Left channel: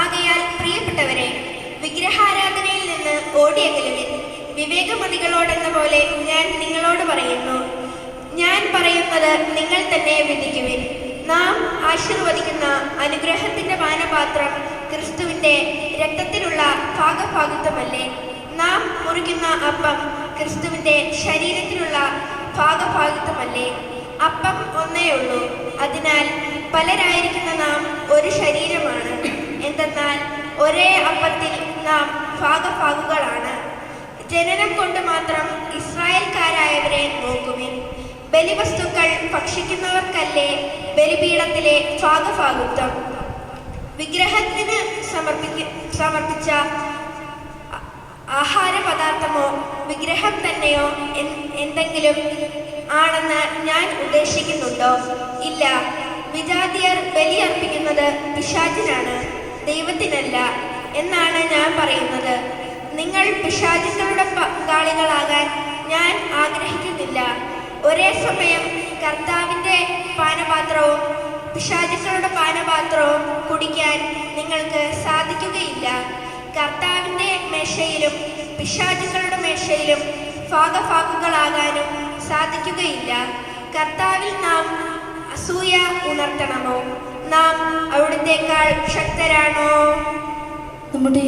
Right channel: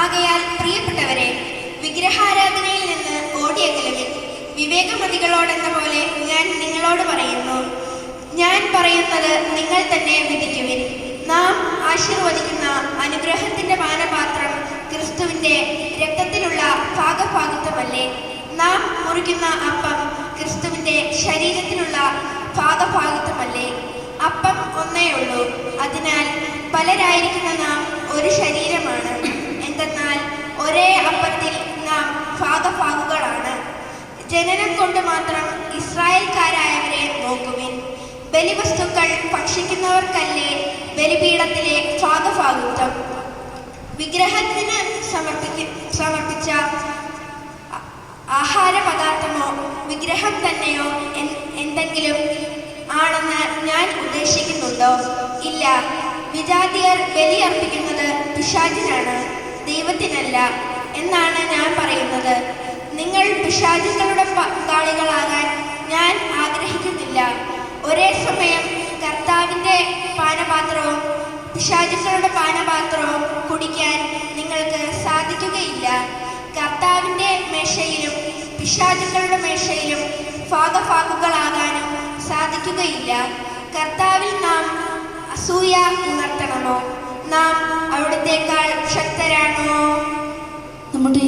ആകയാൽ പ്രിയപ്പെട്ടവരെ, വിഗ്രഹാരാധനയിൽ നിന്ന് ഓടിയകലുവിൻ. വിവേകമതികളോടെന്ന പോലെ ഞാൻ നിങ്ങളോട് പറയുന്നു, ഞാൻ പറയുന്നത് നിങ്ങൾ തന്നെ വിധിക്കുവിൻ. നാം ആശീർവദിക്കുന്ന അനുഗ്രഹത്തിന്റെ പാനപാത്രം ക്രിസ്തുവിന്റെ രക്തത്തിലുള്ള ഭാഗഭാഗിത്വമല്ലേ? നാം മുറിക്കുന്ന അപ്പം ക്രിസ്തുവിന്റെ ശരീരത്തിലുള്ള ഭാഗഭാഗിത്വമല്ലേ? അപ്പം ഒന്നേ ഉള്ളൂ, അതിനാൽ പലരായിരിക്കുന്ന നാം ഒരു ശരീരമാണ്. എന്തെന്നാൽ ഒരേ അപ്പത്തിൽ നാം ഭാഗഭാഗുകളാണ്. ജനനം കൊണ്ട് മാത്രം ഇസ്രായേൽക്കാരായവരെ നോക്കുവിൻ. ബലിവസ്തുക്കൾ ഭക്ഷിക്കുന്നവർക്കല്ലേ ബലിപീഠത്തിലെ ഭാഗഭാഗിത്വം? വിഗ്രഹത്തിന് സമർപ്പിച്ച ആഹാരപദാർത്ഥമോ വിഗ്രഹം തന്നെയോ എന്തെങ്കിലും ആണെന്ന് ഞാൻ ഉദ്ദേശിക്കുന്നുണ്ടോ? ഇല്ല. വിജാതിയർ ബലിയർപ്പിക്കുന്നത് പിശാചിനാണ്, ദൈവത്തിനല്ല എന്നാണ് ഞാൻ പറയുന്നത്. നിങ്ങൾ പിശാചുക്കളുടെ പങ്കാളികളാകാൻ ഞാൻ ആഗ്രഹിക്കുന്നില്ല. ഒരേ സമയം കർത്താവിൻ്റെ പാനപാത്രവും പിശാചുക്കളുടെ പാനപാത്രവും കുടിക്കാൻ നിങ്ങൾക്ക് സാധിക്കുകയില്ല. കർത്താവിൻ്റെ മേശയിലും പിശാചുക്കളുടെ മേശയിലും ഭാഗഭാഗുകളാകാനും സാധിക്കുകയില്ല. കർത്താവിൽ നാം അസൂയ ഉണർത്തണമോ? നാം അവിടുത്തേക്കാൾ ശക്തരാണോ? നമ്മുടെ